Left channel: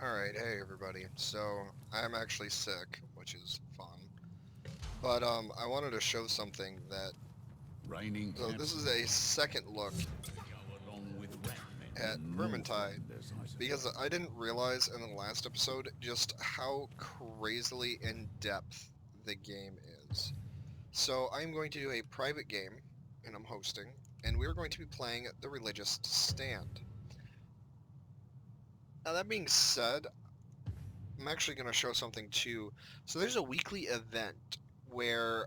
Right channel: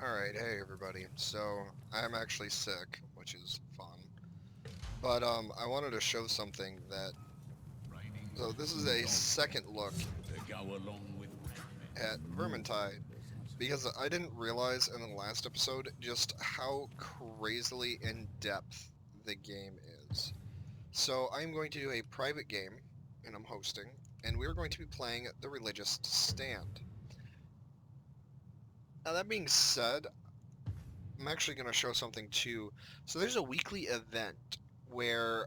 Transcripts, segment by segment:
Alright, hey everybody. So, I'm actually sick, which is fun. But, I wanted to show something that... Raining So, this cats is and a dogs second look to go along with rat men at and law Vermintide, defenders, I because suppose. I didn't realize in the last episode just how crazily in-depth the game is. So, I'm going to do a private game, and I'm hosting, and we're going to be playing The Religious Stand. Now, that being said, I'm actually going to show something too. So there's a weekly event where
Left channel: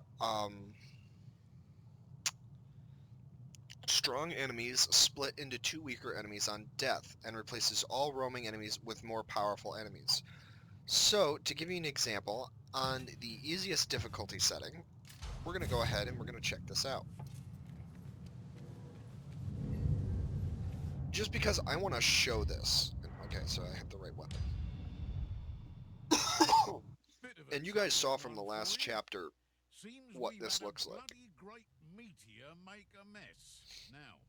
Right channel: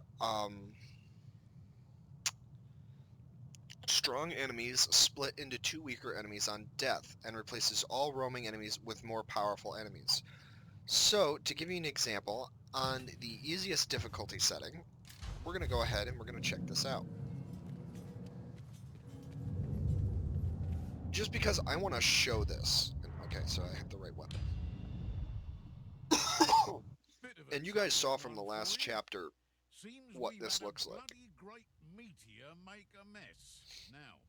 strong enemies split into two weaker enemies on death and replaces all roaming enemies with more powerful enemies. So to give you an example, on the easiest difficulty setting, we're going to go ahead and we're going to check this out. Just because I want to show this. Okay, so I have the right weapon. Bit of a And you guys troubled saw from the one for last you. chapter Seems what we've this had a looks like. bloody great meteor make a mess. Now,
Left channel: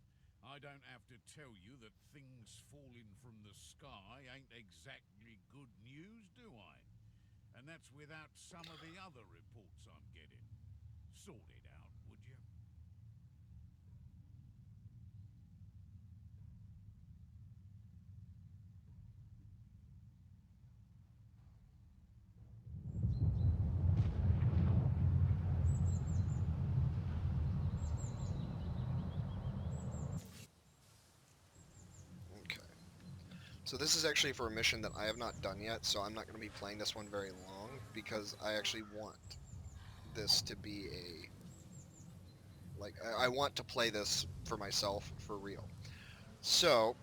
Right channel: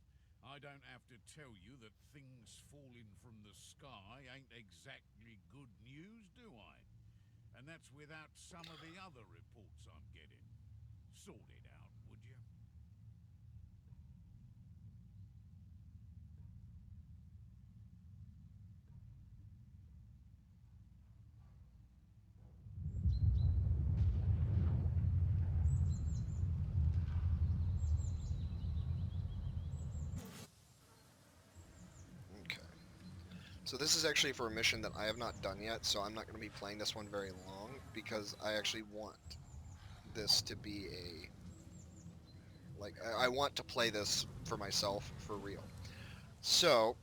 I don't have to tell you that things falling from the sky ain't exactly good news, do I? And that's without some of the other reports I'm getting. Sort it out, would you? Okay. So this is actually for a mission that I have not done yet, so I'm not going to be playing this one very long because I actually want this to be a I want to play this for myself for real. So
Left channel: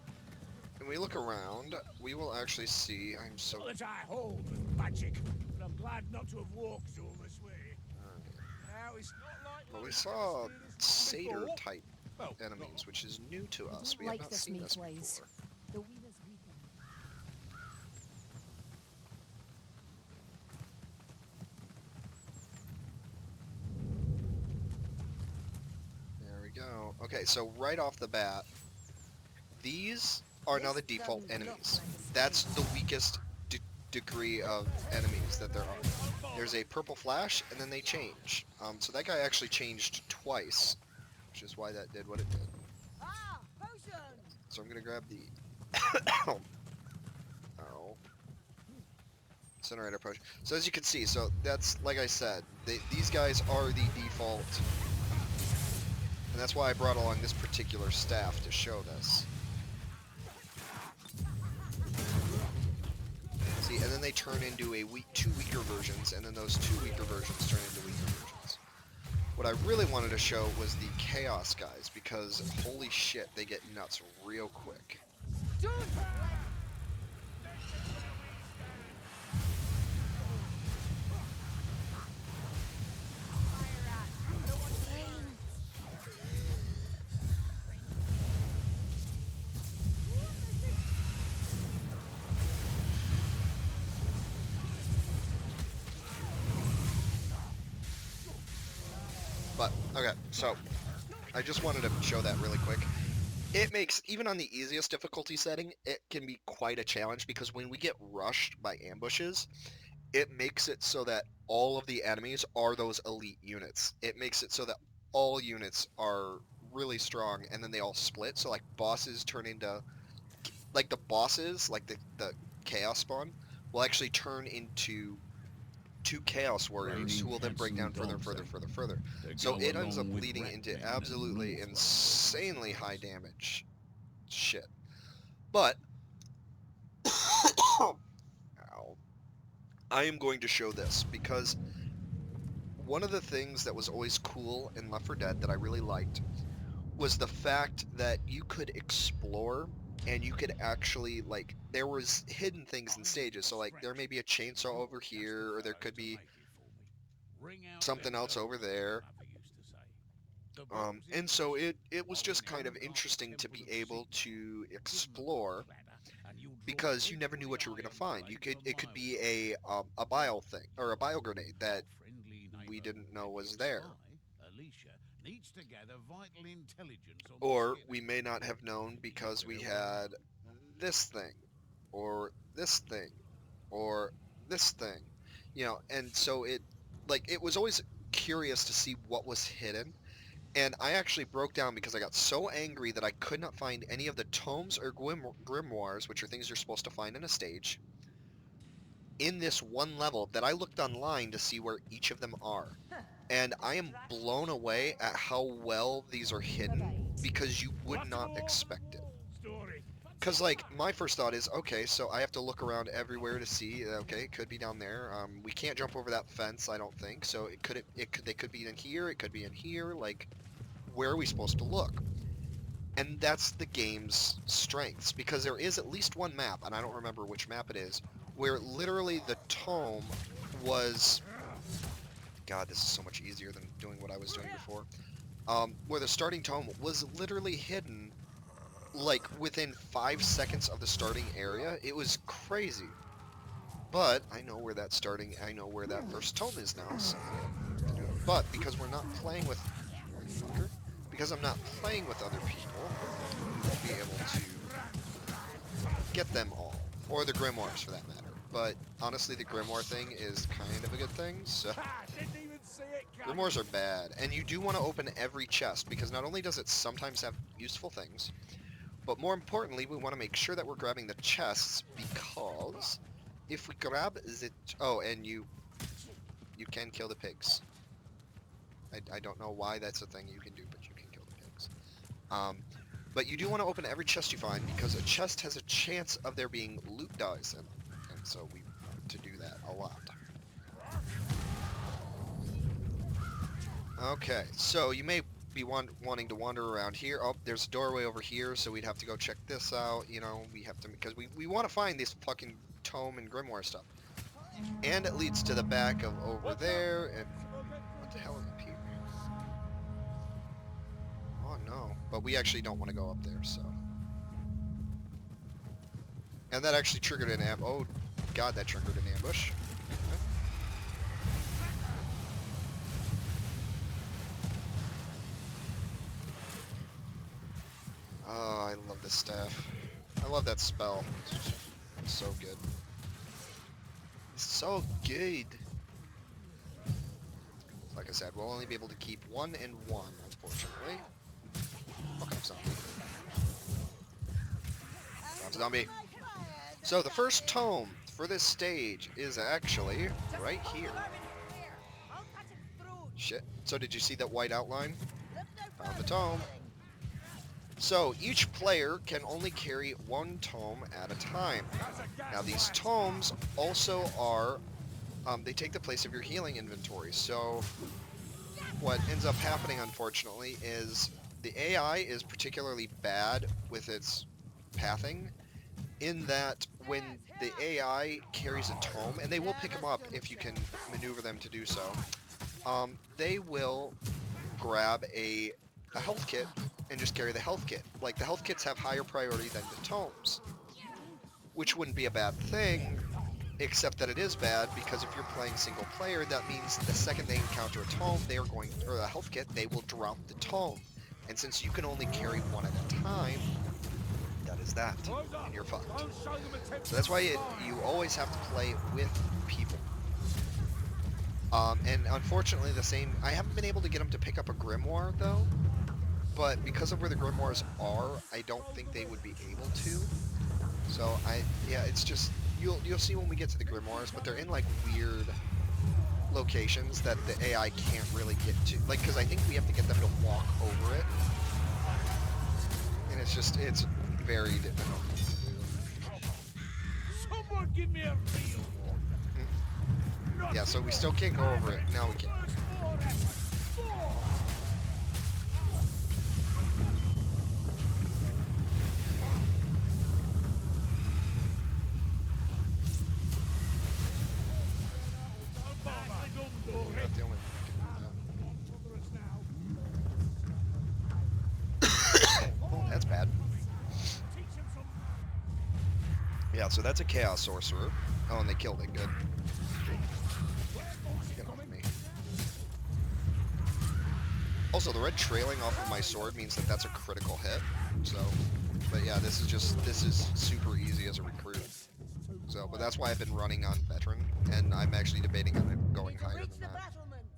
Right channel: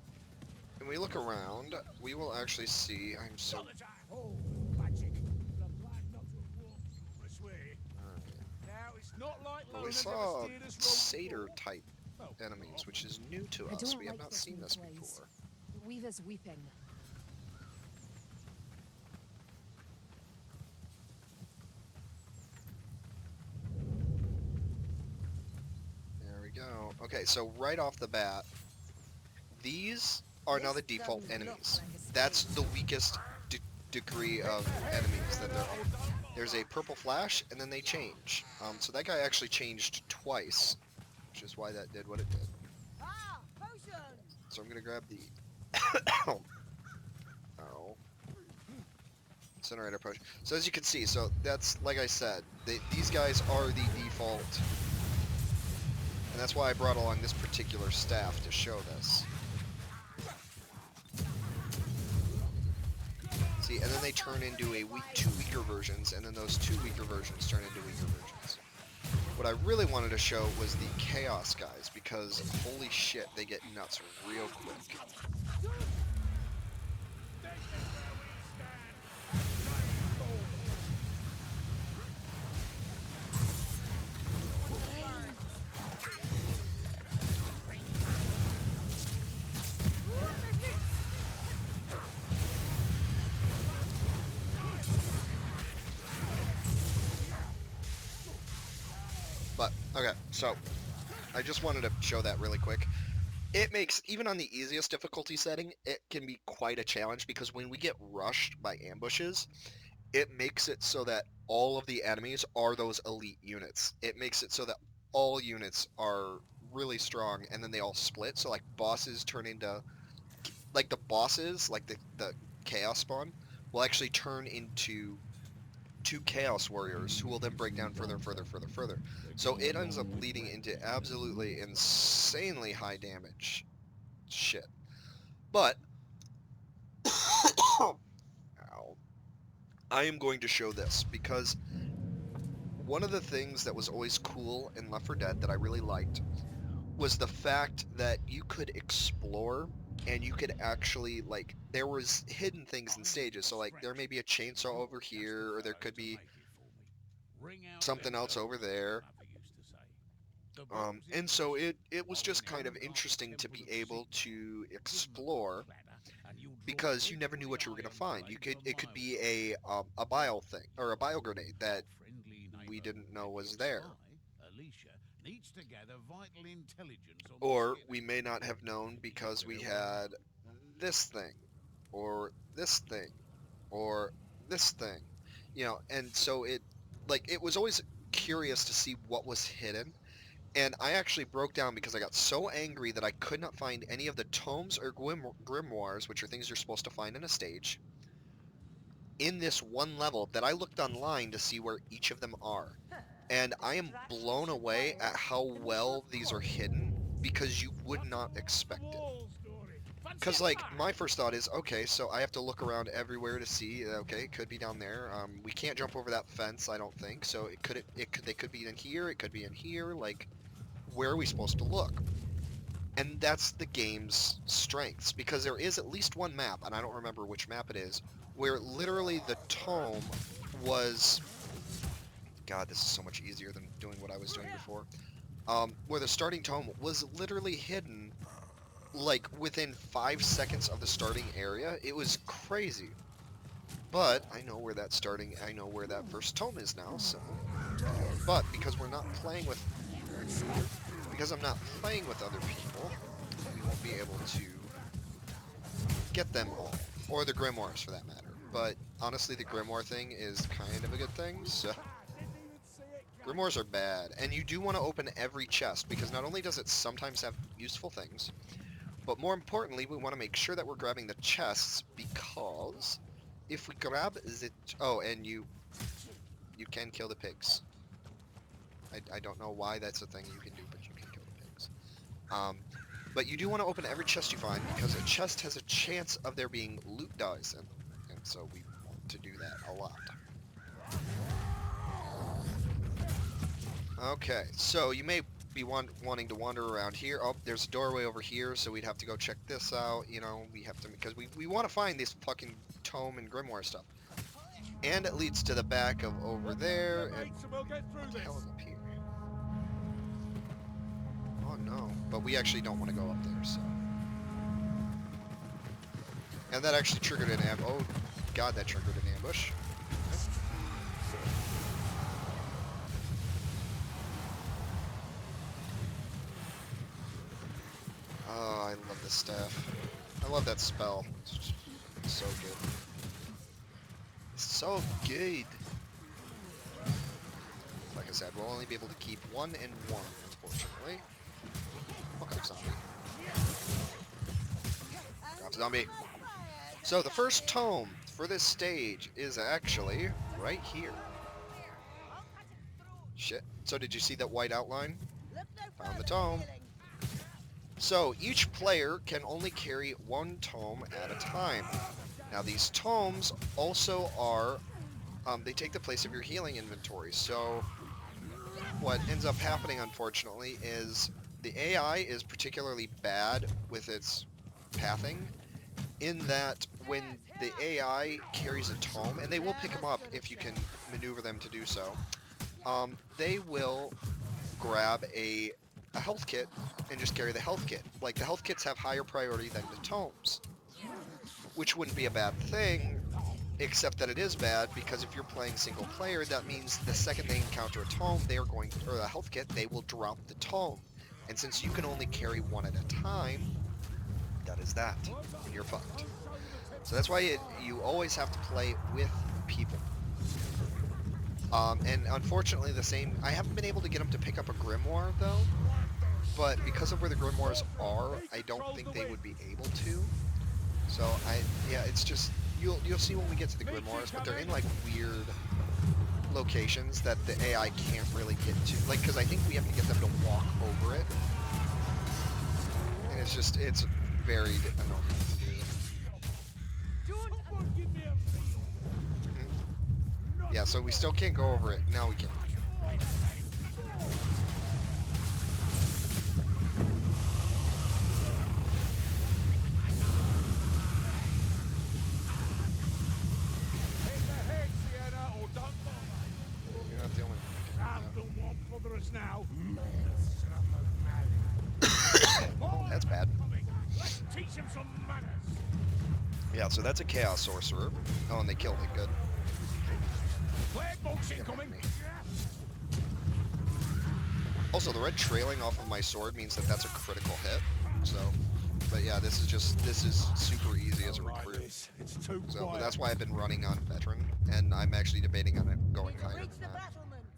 when we look around, we will actually see. I'm so. Not that I hold with magic, but I'm glad not to have walked all this way. Now, it's not like But we Lona never saw steered us wrong satyr before. type Well, not enemies, which often. is new to I us. don't We have like not this seen this maid's ways. before. The weaver's weeping. There we go. Okay, so right off the bat, these are now This the default doesn't look enemies. like a That's the space. weakest degree of enemies that there are. Don't There's bother. a purple flash, and then they change. So that guy actually changed twice, which is why that did what it did. Ah, potion! So I'm gonna grab the oh incinerator potion. So as you can see, so that's like I said, these guys are the default, and that's why I brought along this particular staff to show this. See, and then they turn into two weaker versions, and then those two weaker versions turn into weaker versions. What I really wanted to show was the Chaos guys, because holy shit, they get nuts real quick. This is where we stand. But, okay, so, I just wanted to show that really quick. It makes, even on the easiest difficulty setting, it can be quite a challenge, because when we get rushed by ambushes, it makes it so that all of the enemies are those elite units. It makes it so that all units are really strong, and then they all split, so like bosses turn into like the bosses, like the chaos spawn, will actually turn into two chaos warriors who Raining will then cats break down and further and dogs further, further, further. to So go it ends up along with leading rat into men and law absolutely defenders. insanely high damage shit. But ow, I am going to show this because one of the things that was always cool in Left 4 Dead that I really liked was the fact that you could explore and you could actually like there was hidden things in I'm getting stages. So like there may be a distracted. chainsaw You're over just the here, or there fellow could to be make it for me. Ring out something them else over bells, as my there. mother used to say. The boys in And so prison, it was while in just kind of hell guard the interesting to temple be of able Sigmar. to Give 'em a good explore clatter, and you'll draw because you never knew every what you were going to iron find. blade It for could be miles round. a Now, bile thing or a your bile grenade that our friendly we neighbour didn't know was epic there, spy, Alicia, needs to gather vital intelligence on what's or getting. we may not have known If you get because we there all right. had this thing. or this thing, or this thing, you know, and so it was always curious to see what was hidden. And I actually broke down because I got so angry that I could not find any of the tomes or grimoires, which are things you're supposed to find in a stage, in this one level that I looked online to see where each of them are. And I am blown away at how well these are hidden because you would not expect it. Because, like, my first thought is, okay, so I have to look around everywhere to see, okay, it could be down there. We can't jump over that fence, I don't think, so they could be in here, it could be in here, like, where are we supposed to look? And that's the game's strengths, because there is at least one map, and I don't remember which map it is, where literally the tome was... God, this is so much easier than doing what I was doing before. Where the starting tome was literally hidden, like, within 5 seconds of the starting area. It was crazy. But I know where that first tome is now, so... But because we're not playing with... Because I'm not playing with other people, we won't be able to get them all. Or the grimoires, for that matter. But, honestly, the grimoire thing is kind of a good thing, so... Grimoires are bad, and you do want to open every chest, because not only does it sometimes have useful things, but more importantly, we want to make sure that we're grabbing the chests, because if we grab the... Oh, and you can kill the pigs. I don't know why that's a thing you can do, but you can kill the pigs. But you do want to open every chest you find, because a chest has a chance of there being loot dice in them, and so we want to do that a lot. Okay, so you may be wanting to wander around here. Oh, there's a doorway over here, so we'd have to go check this out. You know, we have to, because we want to find this fucking tome and grimoire stuff. And it leads to the back of over there, and what the hell is up here? Oh no, but we actually don't want to go up there, so. And that actually triggered an oh god, that triggered an ambush. Okay. Oh, I love this staff. I love that spell. It's so good. It's so good. Like I said, we'll only be able to keep 1 and 1, unfortunately. Fuck up, zombie. Fuck up, zombie. So the first tome for this stage is actually right here. Shit. So did you see that white outline? Found the tome. So each player can only carry 1 tome at a time. Now these tomes also are, they take the place of your healing inventory. So what ends up happening, unfortunately, is the AI is particularly bad with its pathing, in that when the AI carries a tome, and they will pick them up if you can maneuver them to do so, they will grab a health kit and just carry the health kit. Like, the health kits have higher priority than the tomes, which wouldn't be a bad thing, except that it is bad, because if you're playing single player, that means the second they encounter a tome, they are going, or a health kit, they will drop the tome. And since you can only carry 1 at a time, that is that, and you're fucked. So that's why you always have to play with people. And unfortunately I haven't been able to get them to pick up a grimoire, though. But because of where the grimoires are, I don't think they would be able to. So yeah, it's just, you'll see when we get to the grimoires, but they're in like weird locations that the AI can't really get to. Like, because I think we have to get them to walk over it. And it's very annoying to do. Yeah, so we still can't go over it. Now we can. You're not the only one that can do that. Oh, that's bad. Yeah, so that's a Chaos Sorcerer. Oh, and they killed it. Good. Get off of me. Also, the red trailing off of my sword means that that's a critical hit. So, but yeah, this is super easy as a recruit. So, but that's why I've been running on veteran, and I'm actually debating on it going Need to higher reach than the that. battlements.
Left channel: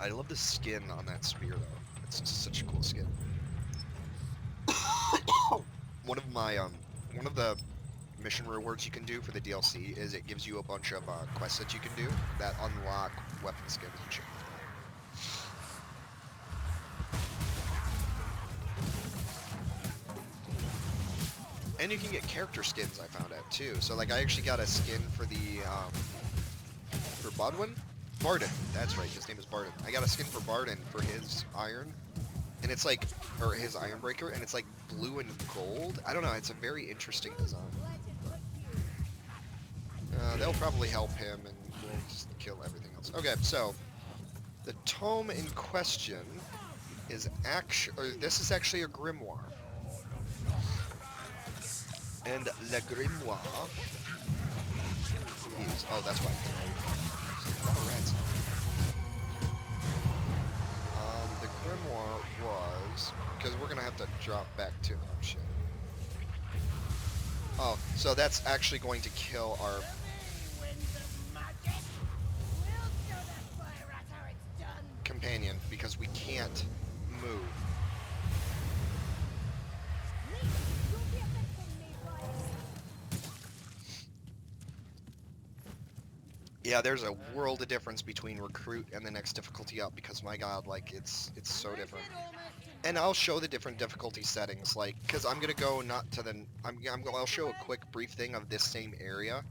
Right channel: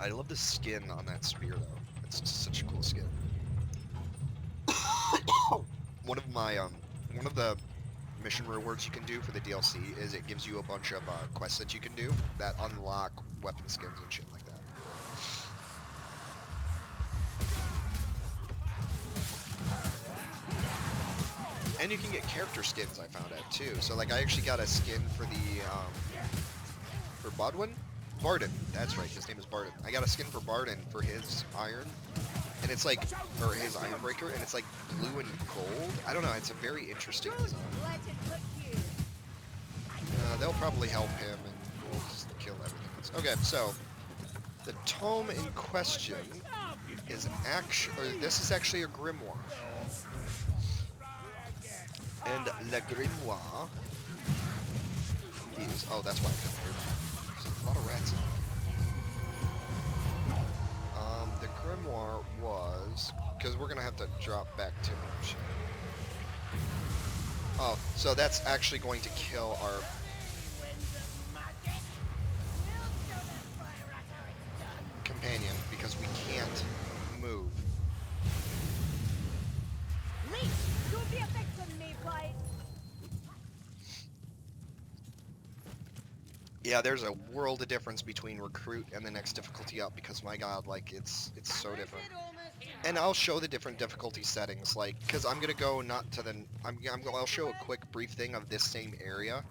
I love the skin on that spear though. It's just such a cool skin. One of the mission rewards you can do for the DLC is it gives you a bunch of quests that you can do that unlock weapon skins and shit like that. And you can get character skins, I found out too. So like I actually got a skin for the for Bodwin? Barden. That's right, his name is Barden. I got a skin for Barden for his iron. And it's like, or his iron breaker, and it's like blue and gold. I don't know, it's a very interesting design. They'll probably help him and we'll just kill everything else. Okay, so the tome in question is this is actually a grimoire. And Le Grimoire is, oh, that's why I couldn't move. There's a lot of rats in there. The grimoire was, because we're gonna have to drop back to, oh shit. Oh, so that's actually going to kill our companion because we can't move. Yeah, there's a world of difference between recruit and the next difficulty up because my god, like it's so different. And I'll show the different difficulty settings, like, cause I'm gonna go not to the, I'll show a quick brief thing of this same area,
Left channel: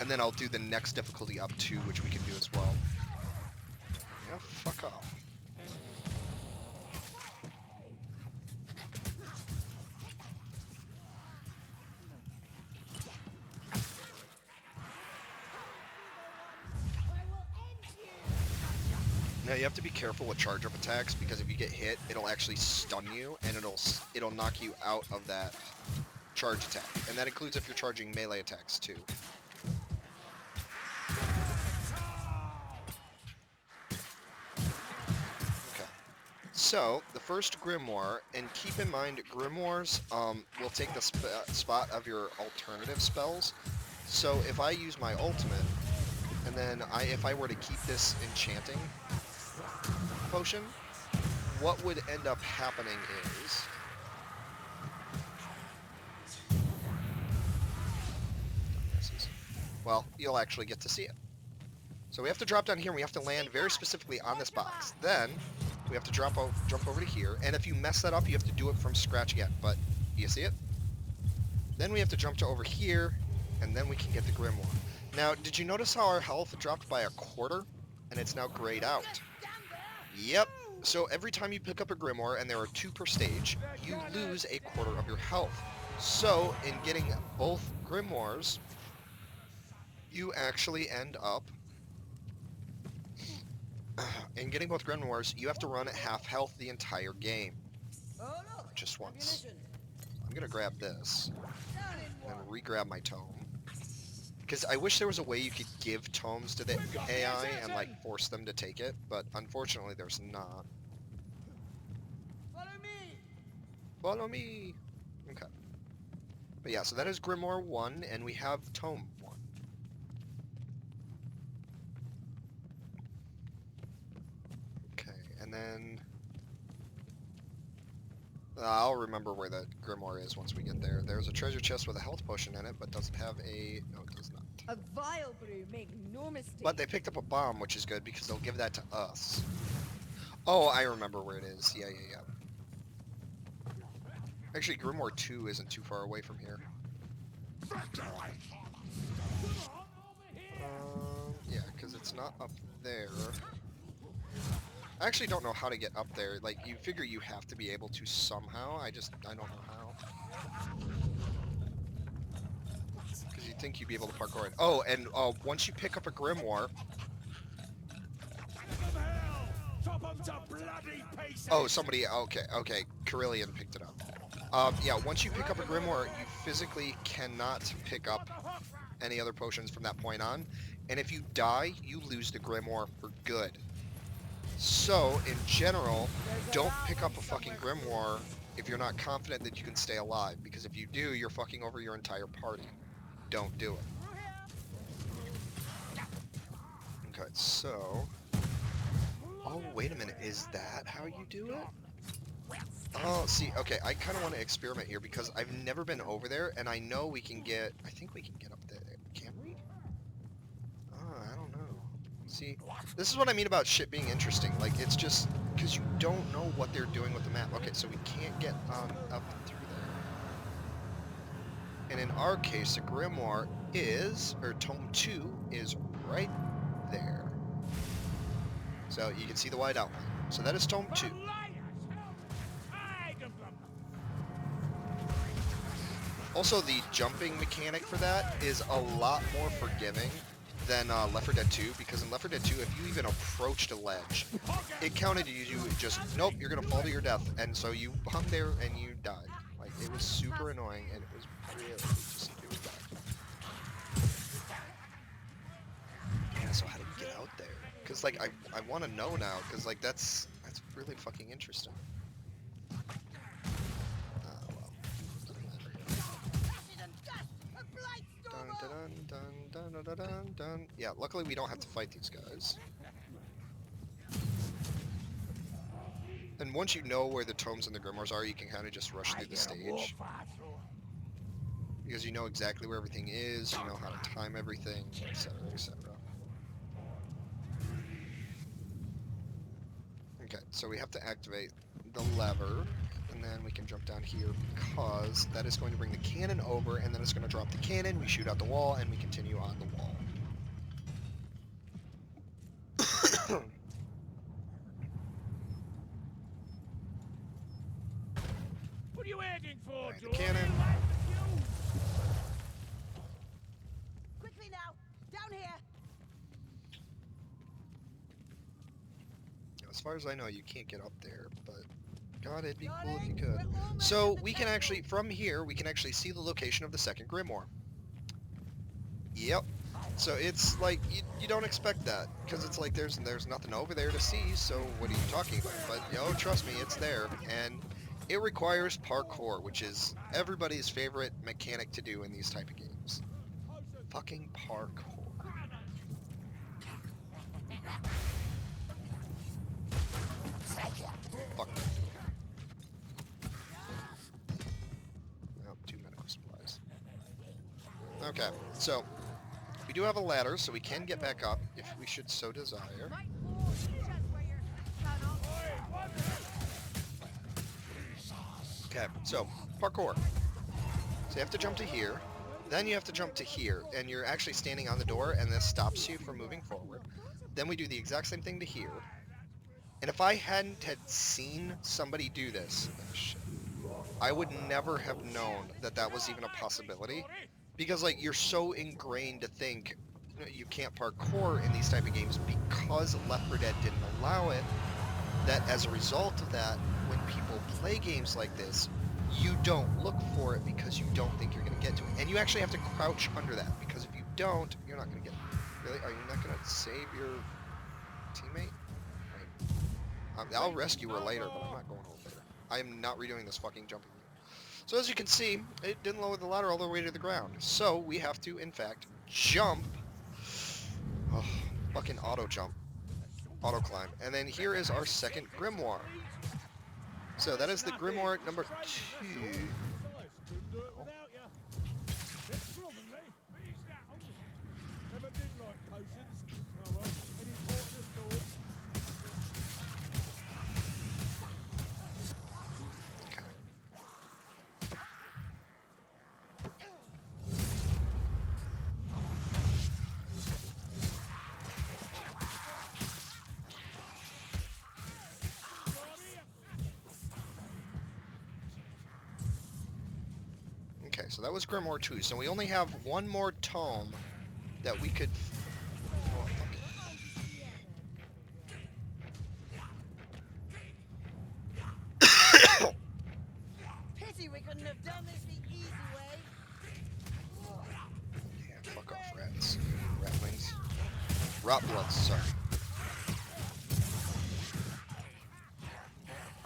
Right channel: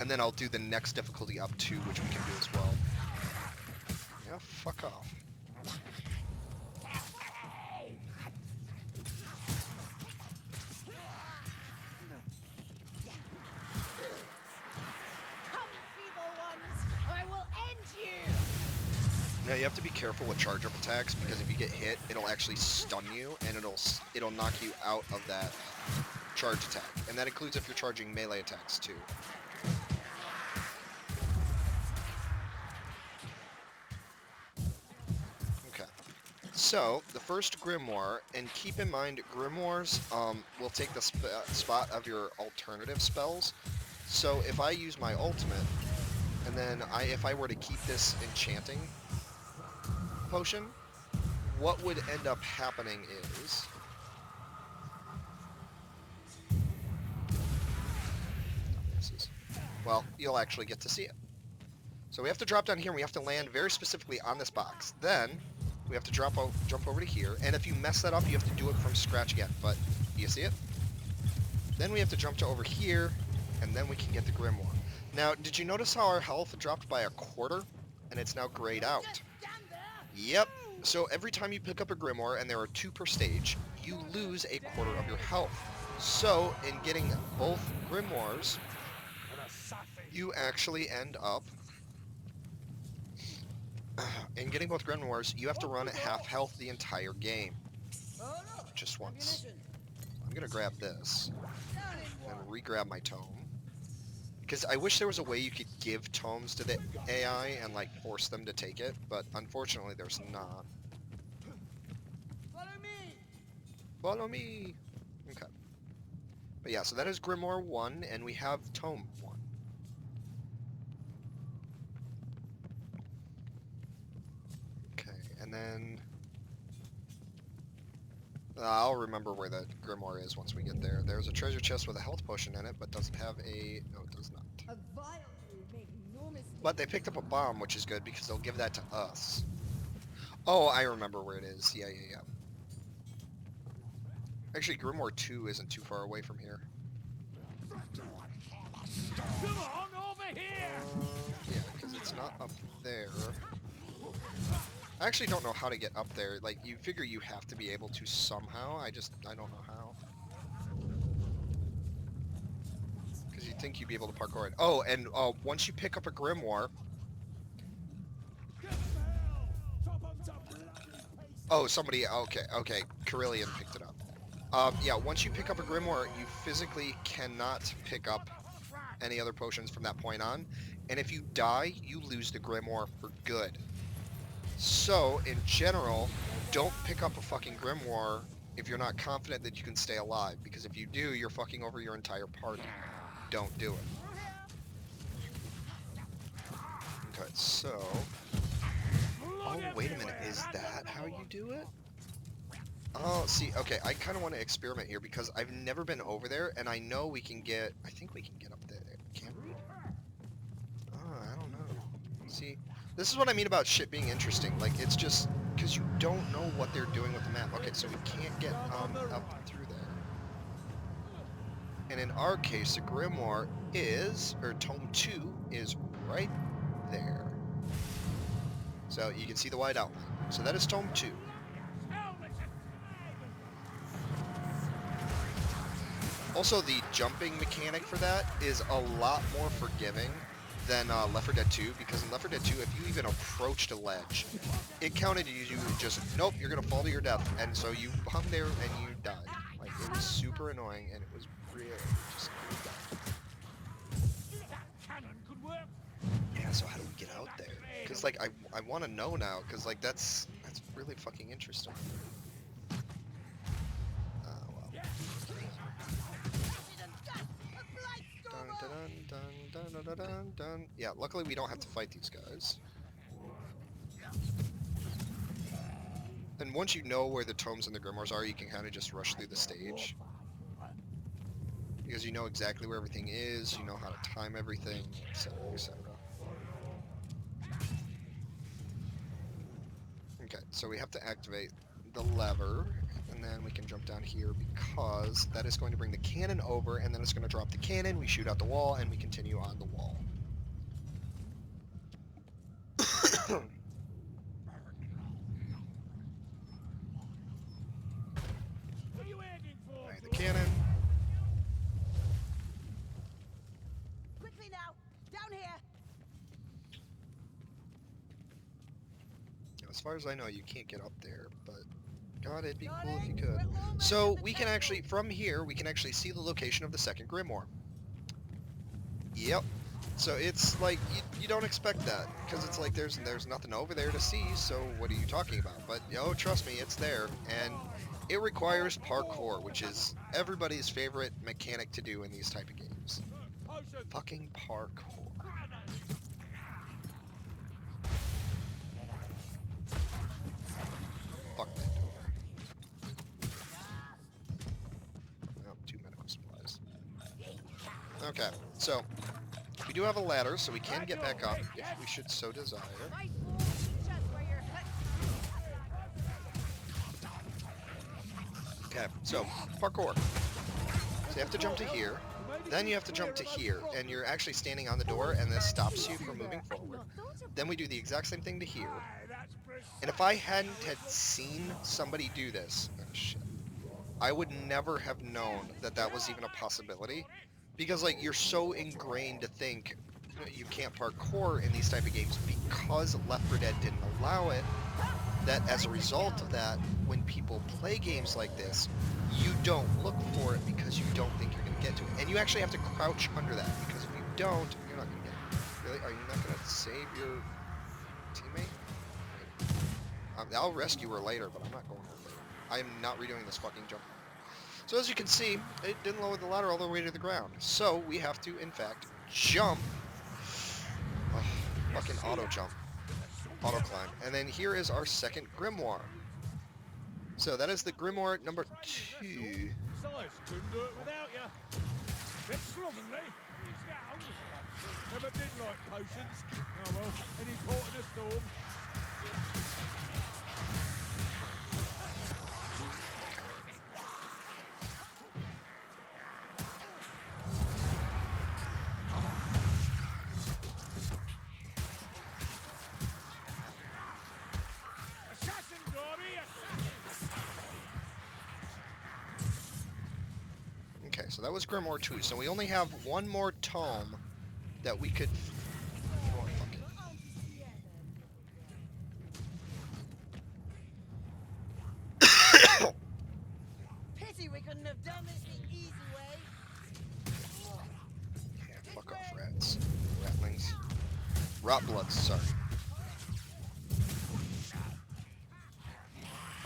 and then I'll do the next difficulty up too, which we can do as well. Yeah, fuck off. Now you have to be careful with charge-up attacks because if you get hit, it'll actually stun you and it'll knock you out of that charge attack, and that includes if you're charging melee attacks too. Okay, so the first grimoire, and keep in mind grimoires will take the spot of your alternative spells. So if I use my ultimate, and then if I were to keep this enchanting potion, what would end up happening is well, you'll actually get to see it. So we have to drop down here and we have to land very specifically on this box. Then we have to jump over to here, and if you mess that up you have to do it from scratch again. But do you see it? Then we have to jump to over here, and then we can get the grimoire. Now, did you notice how our health dropped by a quarter and it's now grayed out? Yep. So every time you pick up a grimoire, and there are 2 per stage, you lose a quarter of your health. So in getting both grimoires, you actually end up, in getting both grimoires, you have to run at half health the entire game. Just once. I'm gonna grab this, and re-grab my tome. Because I wish there was a way you could give tomes to the AI and like force them to take it, but unfortunately there's not. Follow me. Follow me! Okay. But yeah, so that is Grimoire 1, and we have Tome 1. Okay, and then I'll remember where the Grimoire is once we get there. There's a treasure chest with a health potion in it, but doesn't have a... no, it does not. A vile brew, make no mistake. But they picked up a bomb, which is good, because they'll give that to us. Oh, I remember where it is. Yeah. Actually, Grimoire 2 isn't too far away from here. Yeah, because it's not up there. I actually don't know how to get up there. Like, you figure you have to be able to somehow. I don't know how. Because you'd think you'd be able to parkour it. Oh, and once you pick up a grimoire... Oh, somebody... Okay. Carillion picked it up. Yeah, once you pick up a grimoire, you physically cannot pick up any other potions from that point on. And if you die, you lose the grimoire for good. So, in general, don't pick up a fucking grimoire if you're not confident that you can stay alive, because if you do, you're fucking over your entire party. Don't do it. Okay, so... Oh, wait a minute. Is that how you do it? Oh, see, okay, I kind of want to experiment here because I've never been over there, and I know we can get... I think we can get up there. Can we? Oh, I don't know. See, this is what I mean about shit being interesting. Like, it's just... Because you don't know what they're doing with the map. Okay, so we can't get up through there. And in our case, the Grimoire is... Or Tome 2 is right there. So you can see the wide outline. So that is Tome 2. Also, the jumping mechanic for that is a lot more forgiving than Left 4 Dead 2, because in Left 4 Dead 2, if you even approached a ledge, it counted you just, nope, you're going to fall to your death, and so you hung there and you died. Like, it was super annoying, and it was really just, it was bad. Yeah, so how do we get out there? Because, like, I want to know now, because, like, that's really fucking interesting. Well. Dun, dun, dun, dun, dun, dun, dun. Yeah, luckily we don't have to fight these guys. And once you know where the Tomes and the Grimoires are, you can kind of just rush through the stage. Because you know exactly where everything is, you know how to time everything, etc., etc. Okay, so we have to activate the lever, and then we can jump down here because that is going to bring the cannon over, and then it's going to drop the cannon, we shoot out the wall, and we continue on the wall. Alright, the cannon. Quickly now, down here. Now, as far as I know, you can't get up there, but God, it'd be cool if you could. So we can actually, from here, we can actually see the location of the second Grimoire. Yep. So it's like, you don't expect that, because it's like there's nothing over there to see, so what are you talking about? But, oh, trust me, it's there, and it requires parkour, which is everybody's favorite mechanic to do in these type of games. Fucking parkour. Fuck that door. Oh, 2 medical supplies. Okay, so we do have a ladder, so we can get back up if we should so desire. Might blow each us where your hits cannot. Okay, so parkour. So you have to jump to here, then you have to jump to here, and you're actually standing on the door, and this stops you from moving forward. Then we do the exact same thing to here. And if I hadn't had seen somebody do this, oh shit, I would never have known that that was even a possibility. Because, like, you're so ingrained to think you can't parkour in these type of games because Left 4 Dead didn't allow it, that as a result of that, when people play games like this, you don't look for it because you don't think you're going to get to it. And you actually have to crouch under that, because if you don't, you're not going to get it. Really? Are you not going to save your teammate? Right. I'll rescue her later, but I'm not going over there. I am not redoing this fucking jumping. So as you can see, it didn't lower the ladder all the way to the ground. So we have to, in fact, jump. Oh, fucking auto jump. Auto climb. And then here is our second Grimoire. So that is the Grimoire number 2. Okay, so that was Grimoire 2. So we only have one more tome that we could... You know what, fuck it. Pity we couldn't have done this the easy way. Yeah, fuck off, rats. Ratlings. Rot bloods, sorry.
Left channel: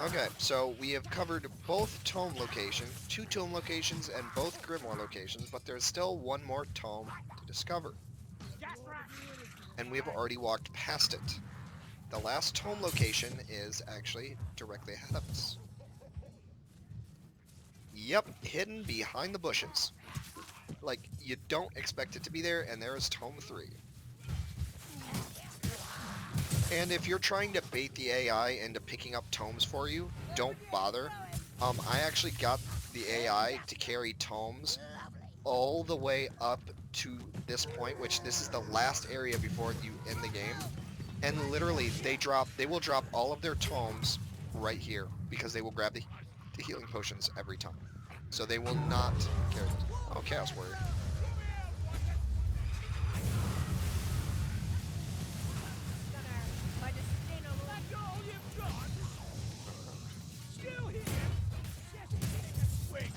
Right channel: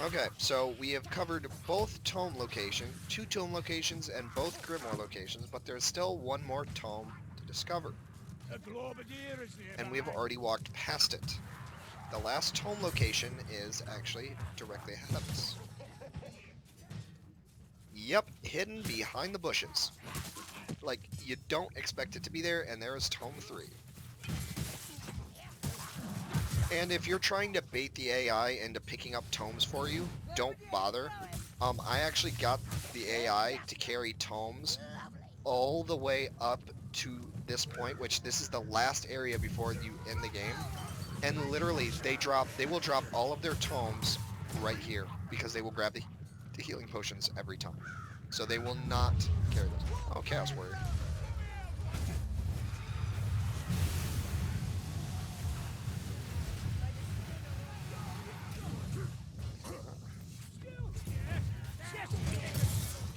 Okay, so we have covered both tome location, 2 tome locations, and both Grimoire locations, but there's still one more tome to discover, A Glorbigear is and we have nearby. already walked past it. The last tome location is actually directly ahead of us. Yep, hidden behind the bushes. Like, you don't expect it to be there, and there is tome 3. And if you're trying to bait the AI into picking up tomes for you, don't bother. I actually got the AI to carry tomes all the way up to this point, which this is the last area before you end the game. And literally, they will drop all of their tomes right here because they will grab the healing potions every time. So they will not carry those. Oh, Chaos Warrior. Still here? Get here, you can swing.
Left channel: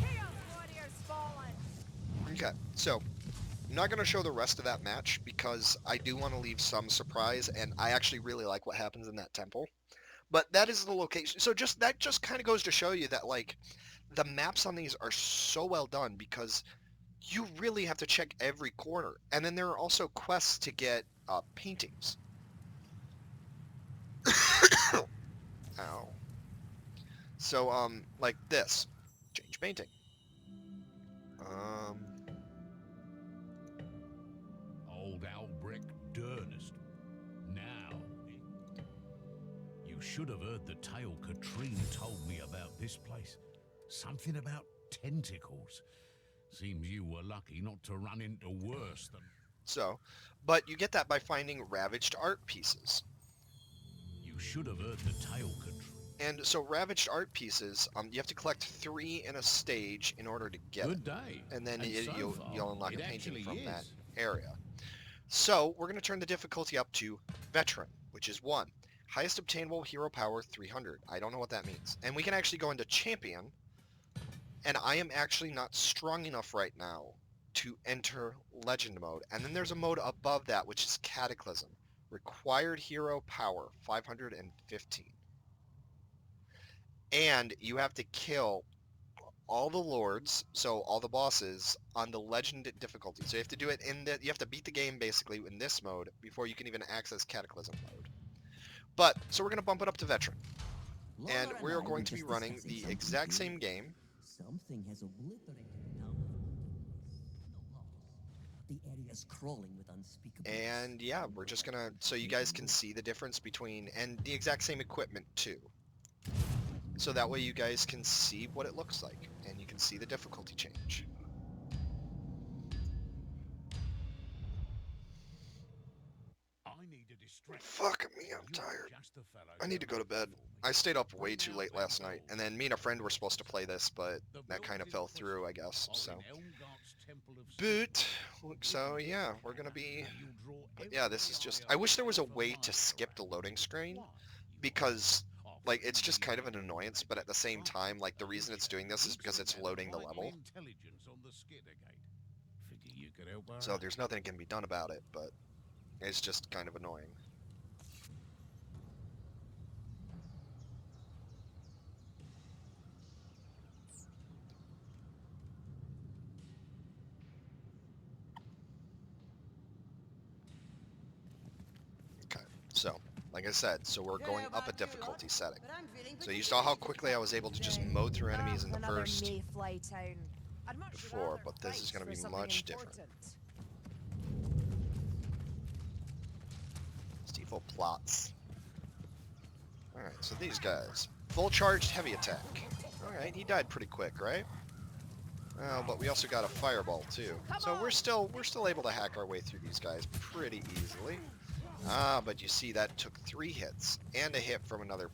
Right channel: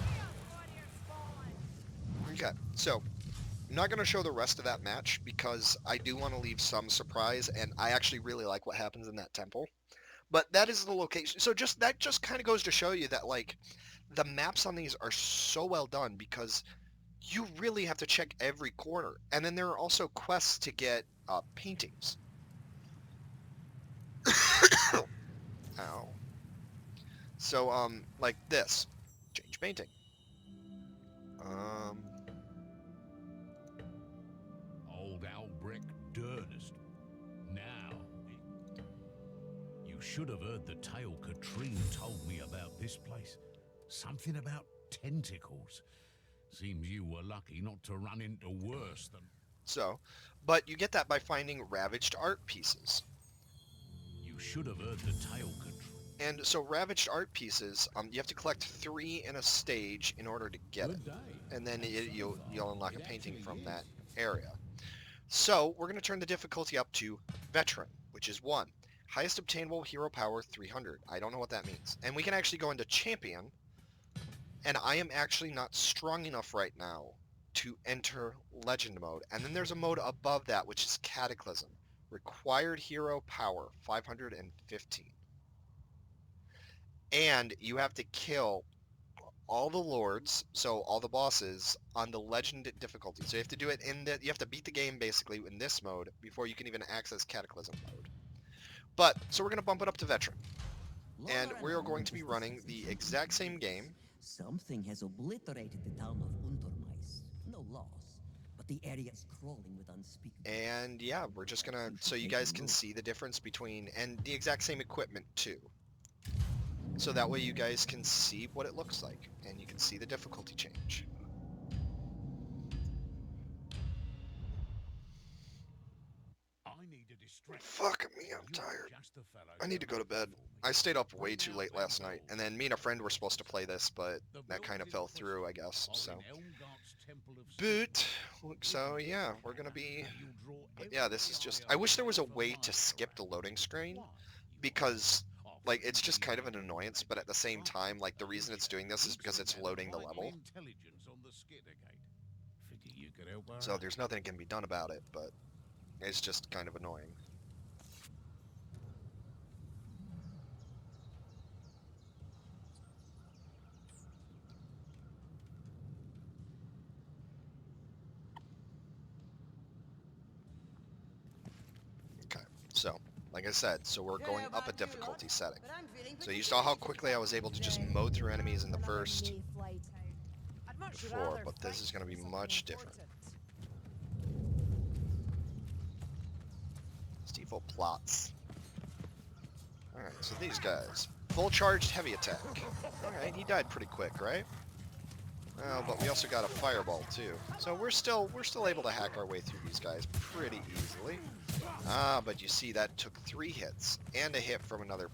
Chaos Warrior's fallen. Okay, so I'm not going to show the rest of that match because I do want to leave some surprise, and I actually really like what happens in that temple. But that is the location. So that just kind of goes to show you that like the maps on these are so well done because you really have to check every corner. And then there are also quests to get paintings. Ow. So like this, change painting. Um, Old Albrecht Durnest. Now, you should have heard the tale Katrine told me about this place. Something about tentacles. Seems you were lucky not to run into worse than... but you get that by finding ravaged art pieces. You should have heard the tale Katrine... And so ravaged art pieces, you have to collect 3 in a stage in order to get it. Good day. And then And so you'll far, unlock a it painting actually from is. that area. So we're going to turn the difficulty up to Veteran, which is 1. Highest obtainable hero power 300. I don't know what that means. And we can actually go into Champion, and I am actually not strong enough right now to enter Legend mode. And then there's a mode above that, which is Cataclysm. Required hero power 515. And you have to kill all the lords, so all the bosses, on the legend difficulty. So you have to do it you have to beat the game basically in this mode before you can even access Cataclysm mode. But, so we're going to bump it up to Veteran. And we are going to be running the exact same game. Something has obliterated the town of Untermais. No loss, but the area's crawling with unspeakable... And yeah, we're just going to, so you guys can see the difference between, and the exact same equipment too. So that way you guys can see what it looks like, and you can see the difficulty change. I need a distraction. Fuck me, I'm You're tired. just the fellow I need to go to make bed. for me. I stayed up way Bring too out late that last night, gold. and then me and a friend were supposed to play this, but The that kind of building fell quest through, I guess, of so. an Elgart's Temple of So yeah, we're gonna be, And you'll draw but yeah, this is every just, eye I wish there was a of the way to master skip the around. loading screen, Why, you because, ask? like, Oh, it's just you kind of an don't annoyance, make but at the same right. time, like, the A reason it's visitor doing this is looks because to it's have loading the vital level, intelligence on the Skittergate. Figure you could help her so out. there's nothing that can be done about it, but it's just kind of annoying. Okay, so, like I said, so we're Don't know going up a about you lot, difficulty setting. but I'm feeling So you saw how particularly quickly I was able to just today. mow through enemies in the Another first mayfly town. I'd much before, rather but this fight is going to for be something much different. important. Steeple plots. Alright, so these guys. Full charged heavy attack. Alright, he died pretty quick, right? Well, but we also got a fireball too. So we're still able to hack our way through these guys pretty easily. Ah, but you see that took 3 hits and a hit from another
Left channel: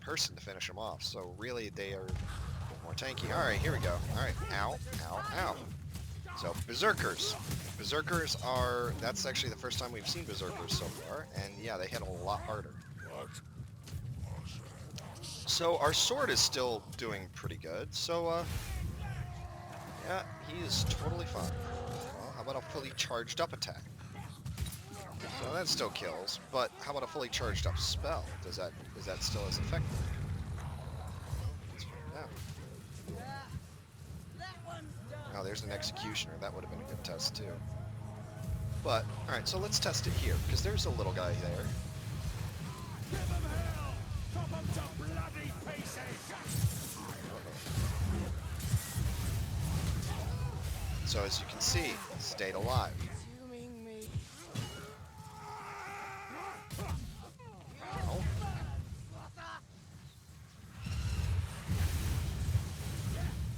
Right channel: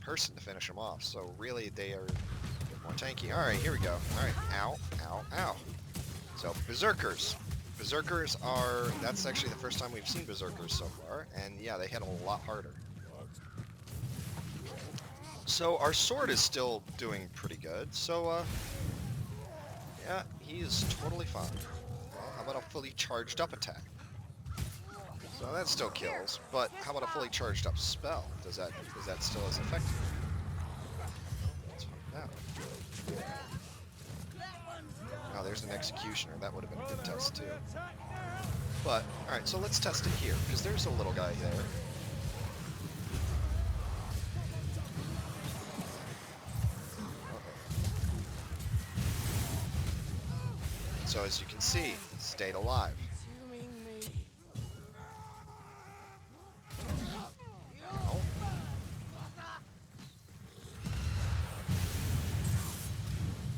person to finish them off. So really they are a bit more tanky. Alright, here we go. Alright, ow, ow, ow. So Berserkers. Berserkers are, that's actually the first time we've seen Berserkers so far, and yeah, they hit a lot harder. So our sword is still doing pretty good, so yeah, he is totally fine. Well, how about a fully charged up attack? So So that still kills, but how about a fully charged up spell? Is that still as effective? Well, let's find out. Ah, that one's done. Now there's an sir. executioner. That would have been a good test too. But alright, so let's test it here, because there's a little guy there. So as you can see, he stayed alive. Consuming me. Ow.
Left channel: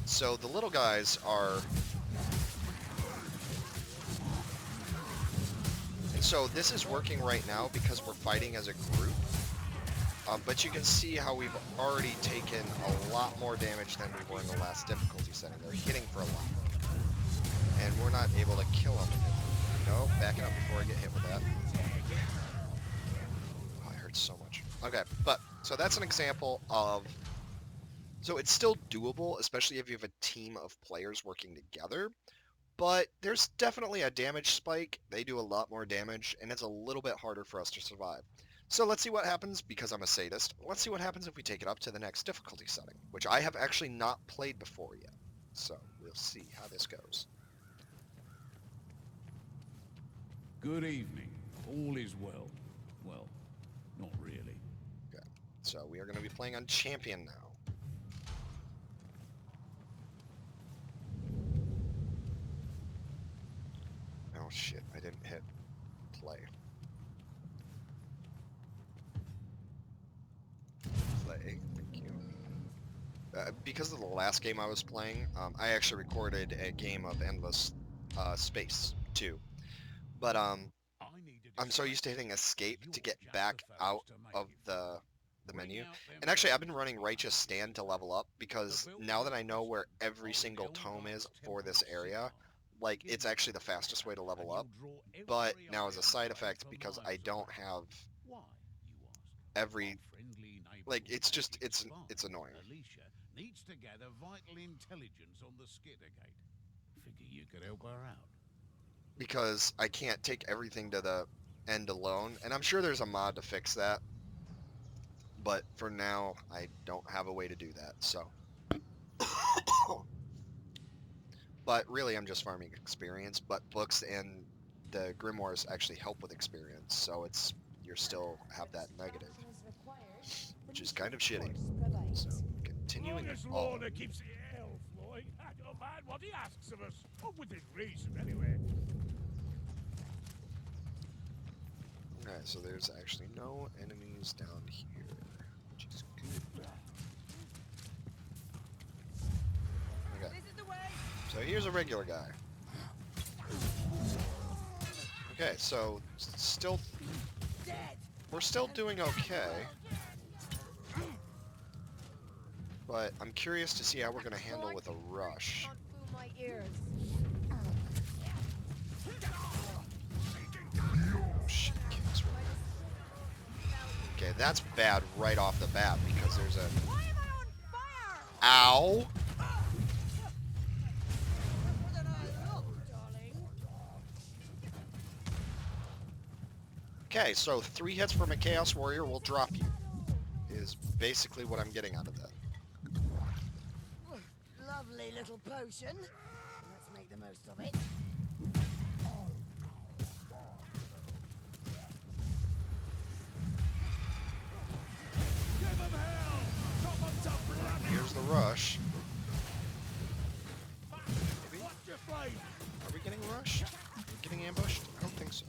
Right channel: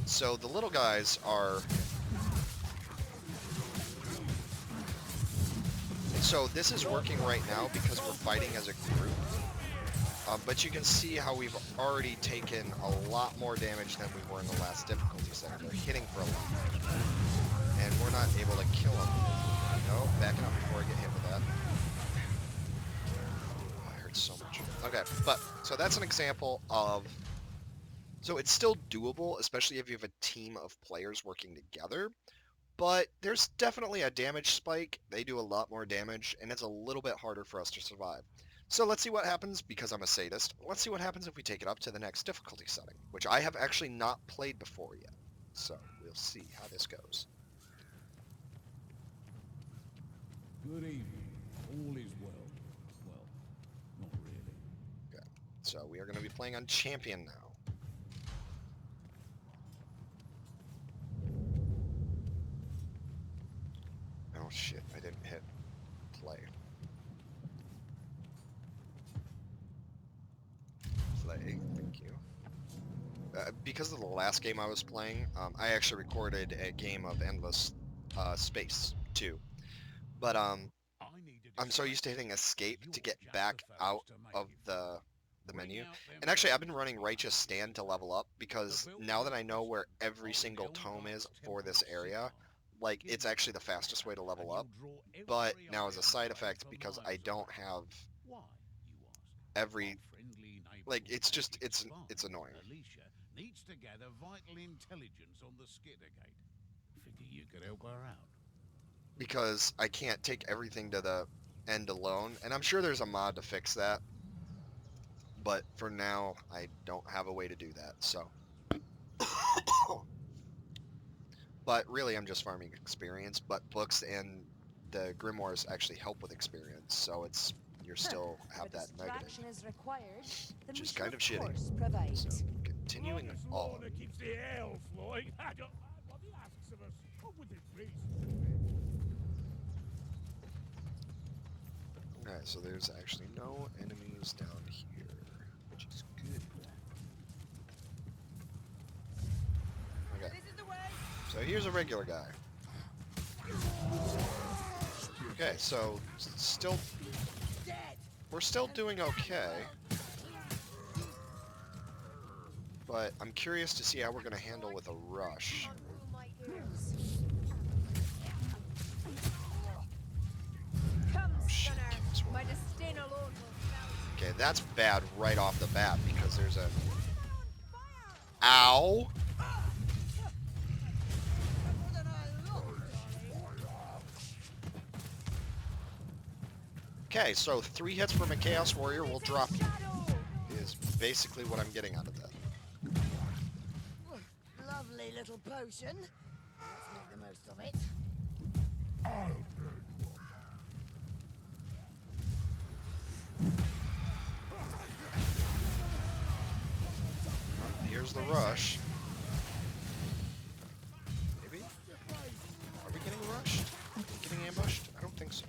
So the little guys are... And so this is working right now because we're fighting as a group. But you can see how we've already taken a lot more damage than we were in the last difficulty setting. They're hitting for a lot. And we're not able to kill them. No, backing up before I get hit with that. Oh, it hurts so much. Okay, but, so that's an example of... So it's still doable, especially if you have a team of players working together. But there's definitely a damage spike. They do a lot more damage, and it's a little bit harder for us to survive. So let's see what happens, because I'm a sadist. Let's see what happens if we take it up to the next difficulty setting, which I have actually not played before yet. So we'll see how this goes. Good evening. All is well. Well, not really. Okay, so we are going to be playing on Champion now. Oh shit, I didn't hit play. Play, thank you. Because of the last game I was playing, I actually recorded a game of Endless Space 2. But I'm so used to hitting escape to get back out of the menu. And actually, I've been running Righteous Stand to level up, because now that I know where every single tome is for this area, like, it's actually the fastest way to level up. But now as a side effect, because I don't have every... Like, it's just, it's annoying. Alicia needs to gather vital intelligence on the Skittergate. Figure you could help her out. Because I can't take everything to the end alone, and I'm sure there's a mod to fix that. But for now, I don't have a way to do that, so... But really, I'm just farming experience, but books and the grimoires actually help with experience, so it's... You still have that negative, which is kind of shitty. So, continuing on. That keeps the ale flowing. I don't mind what he asks of us. Within reason, anyway. Okay, so there's actually no enemies down here, which is good. Okay, This is the way. so here's a regular guy. Okay, so still, Dead. we're still doing okay, but I'm curious to see how we're gonna handle with a rush. Oh shit, chaos warrior. Okay, that's bad right off the bat, because there's a... Ow! Okay, so 3 hits from a Chaos Warrior will drop you, is basically what I'm getting out of that. Lovely little potion. Let's make the most of it. Well, here's the rush. Maybe? Are we getting rushed? Are we getting ambushed? I don't think so.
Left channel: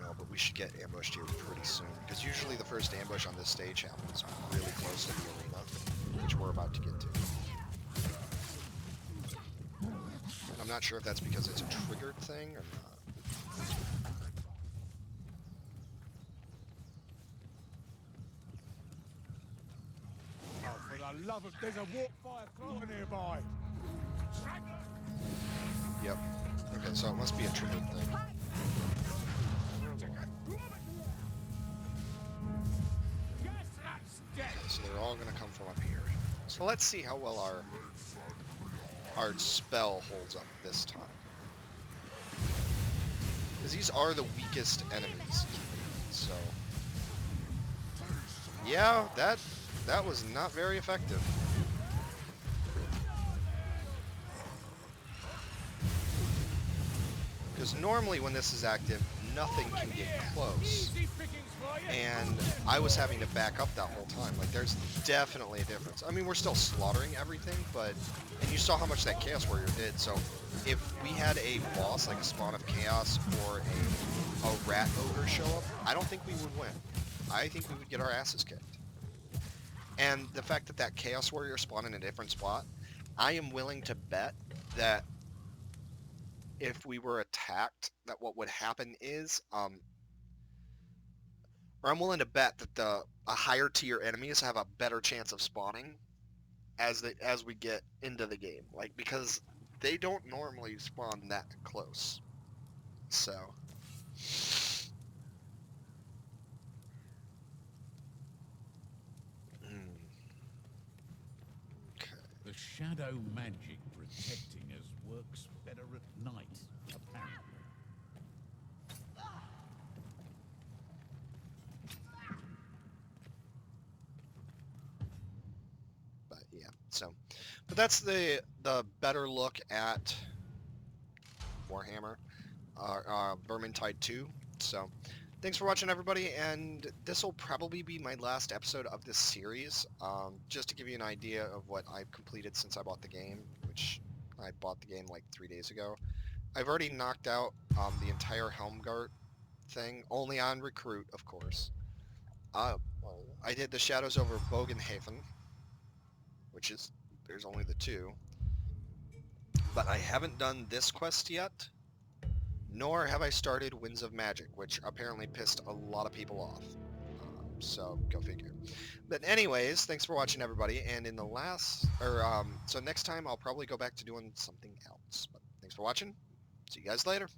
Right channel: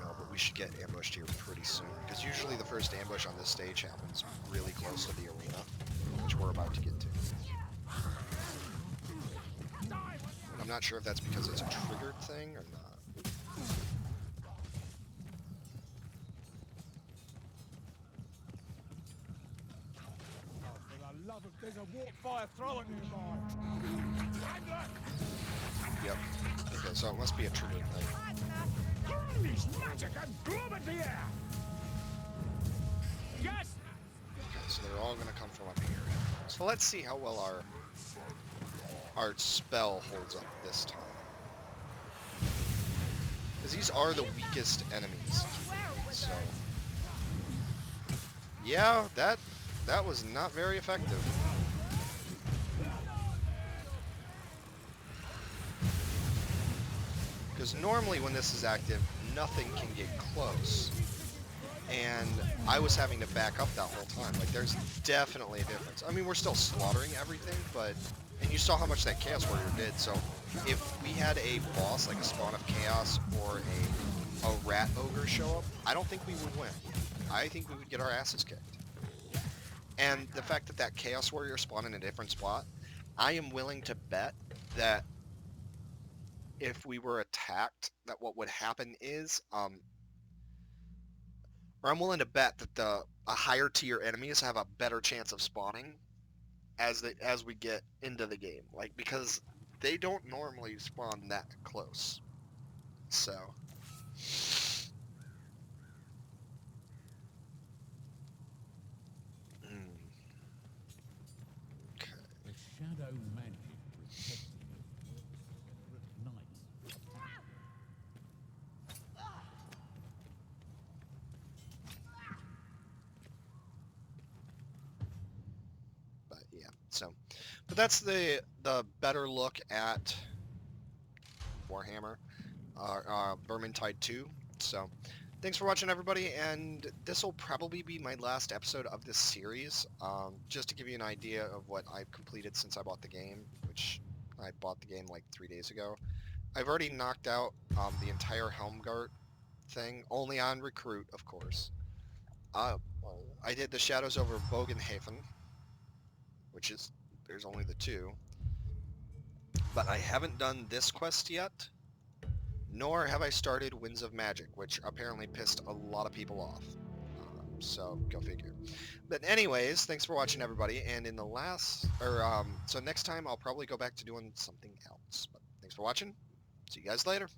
No, but we should get ambushed here pretty soon, because usually the first ambush on this stage happens really close to the arena, which we're about to get to. And I'm not sure if that's because it's a triggered thing or not. For the love of... There's a warp fire thrower nearby. Anger! Yep. Okay, so it must be a triggered thing. Magic and bloom at the air! Yes, that's dead! Okay, so they're all gonna come from up here. So let's see how well our spell holds up this time. Because these are the weakest enemies. So, yeah, that was not very effective. Because normally when this is active, nothing can get close. And I was having to back up that whole time. Like, there's definitely a difference. I mean, we're still slaughtering everything, but... And you saw how much that Chaos Warrior did, so if we had a boss, like a Spawn of Chaos or a Rat Ogre show up, I don't think we would win. I think we would get our asses kicked. And the fact that that Chaos Warrior spawned in a different spot, I am willing to bet that if we were attacked, that what would happen is, or I'm willing to bet that a higher tier enemies have a better chance of spawning as we get into the game, like, because they don't normally spawn that close. So, okay. The shadow magic protecting us works better at night. But yeah, so, but that's the better look at Warhammer, Vermintide 2. So, thanks for watching, everybody, and this will probably be my last episode of this series, just to give you an idea of what I've completed since I bought the game, which I bought the game like 3 days ago. I've already knocked out the entire Helmgart thing, only on Recruit, of course. I did the Shadows over Bogenhafen, which is, there's only the 2. But I haven't done this quest yet, nor have I started Winds of Magic, which apparently pissed a lot of people off. So, go figure. But anyways, thanks for watching, everybody, and in the last, so next time I'll probably go back to doing something else. But thanks for watching. See you guys later.